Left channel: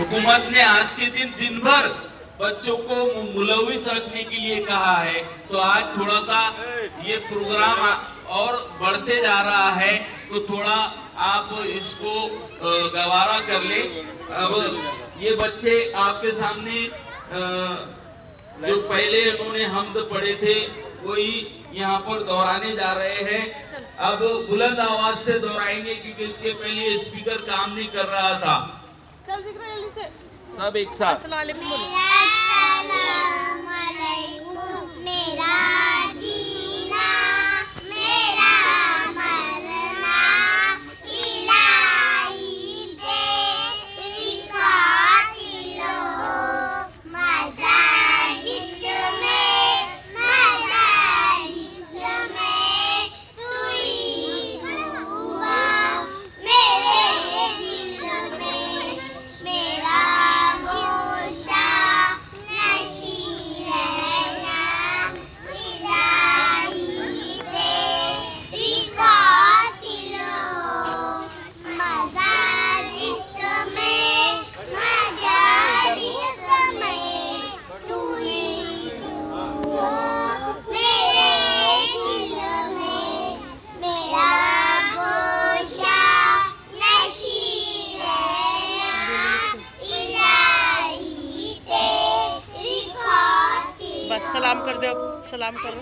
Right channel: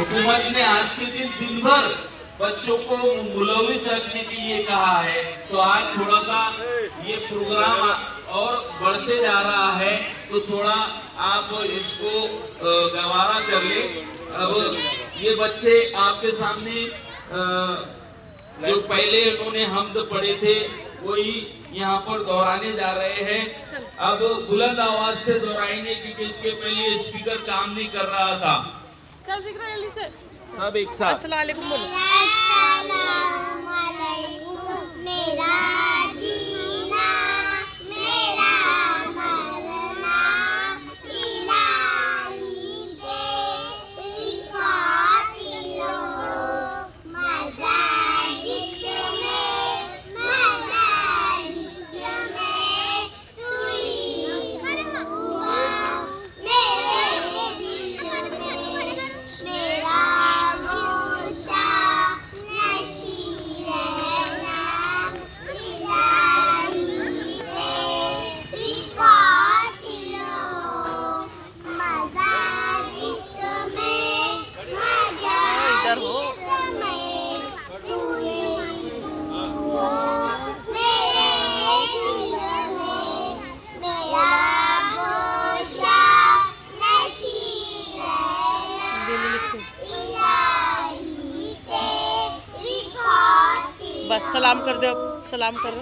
हुकूमत ने आज के दिन भर बच्चों को मुलविस रखने के लिए कहा है, तो आज थोड़ा सा ये प्रोग्राम और बढ़ते जा रहा है, तो थोड़ा आप इसको गवारा कर ले। अब ये बच्चे आपके सामने जो पहले उन्होंने हम्द पढ़े थे वही यहाँ पर दोहराने जा रहे हैं। अब बुलंद आवाज से दोहराएंगे क्योंकि इसके पहले स्पीकर काम नहीं कर रहा था। सब एक साथ। अस्सलाम वालेकुम। मेरा जीना मेरा मरना इलाही तेरी खातिरो मजा जिसमें मजा जिसमें तू ही हुआ मेरे दिल में मेरा गोशा नशी रहना इलाही तेरी खातिरो मजा जिसमें मजा जिसमें तू ही हुआ मेरे दिल में मेरा गोशा नशी रहना इलाही तेरी खातिर। बस सलाम कर दो, सलाम करो।